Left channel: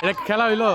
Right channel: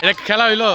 এটা খেলা হইলো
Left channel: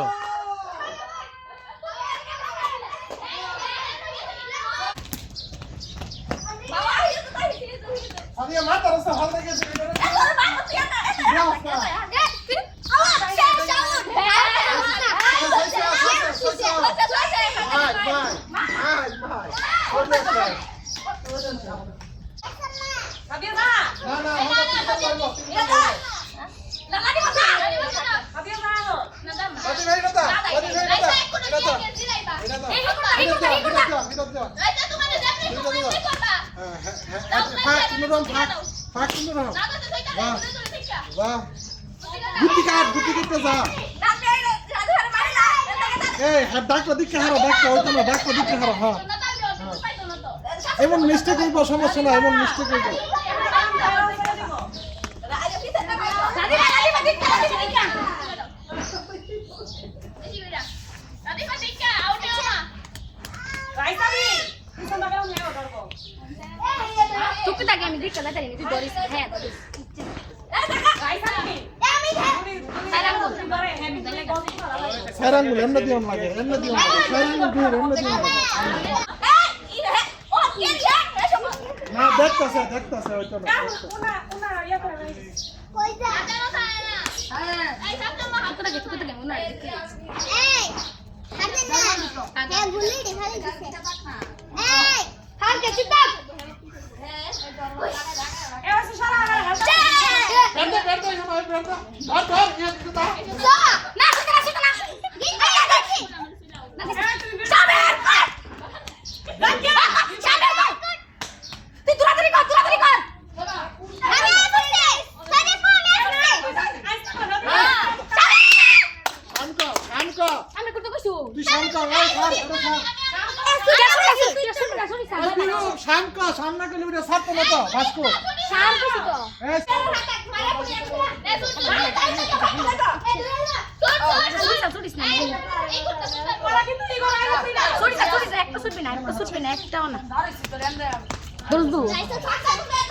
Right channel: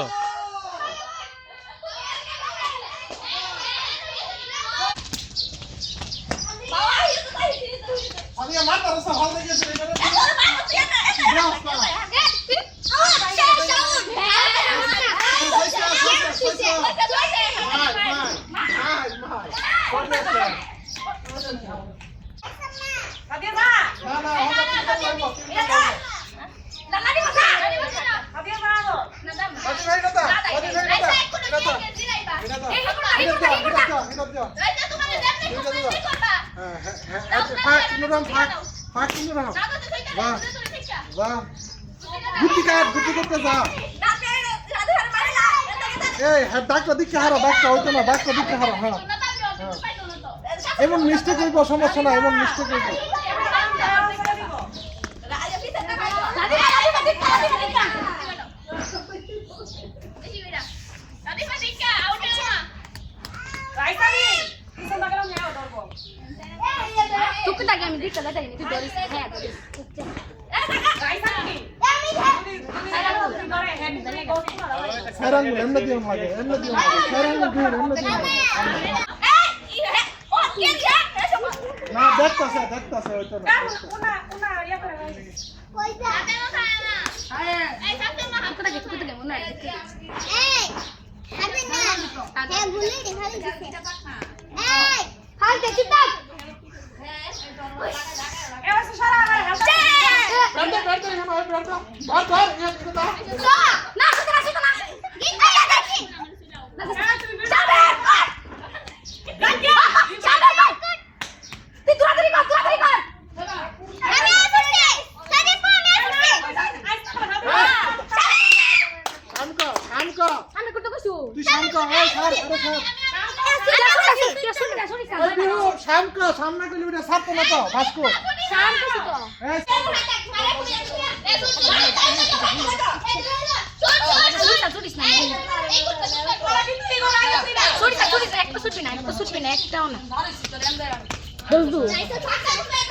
এবং মিস্টেক হইব সমস্যা না এবং মিস্টেক হইব আমি দিকে লাগাই নি তুই ধরিস হ্যাঁ ধরিস সারাঙ্গুল এমন দিও লাগে এমন দিও লাগে সারাঙ্গুল দিও এমন দিও না দেখতাছে ওইটা ওনা ইয়া করে কই যা হ্যাঁ এই সামনে মা হাতটা গেছে কত দেব না এই সামনে না কে ভুলি দেখাই দিছে এই হাল দে চিন্তা এ ওসে সারা রে বেরতে ধর না শিখনা গিন আয়া দেখি না সাবের তুই দূরাদূরি কর আরে বসে সারি ফোনে শামকা আমি করতে কইছু তুই শামকা এই ছাড় শামকা সামনে কিলোমিটার সাত না তো ভাস্কো শাম কইছু তো এই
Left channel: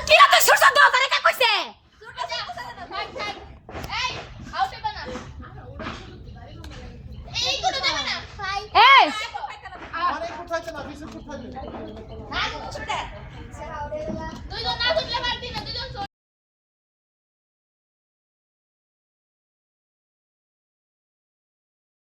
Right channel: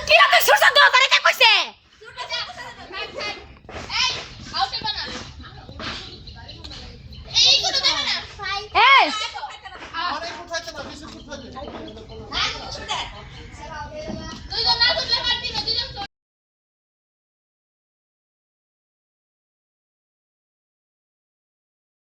কি রাতে সুরসা দেও তারে কে কইছে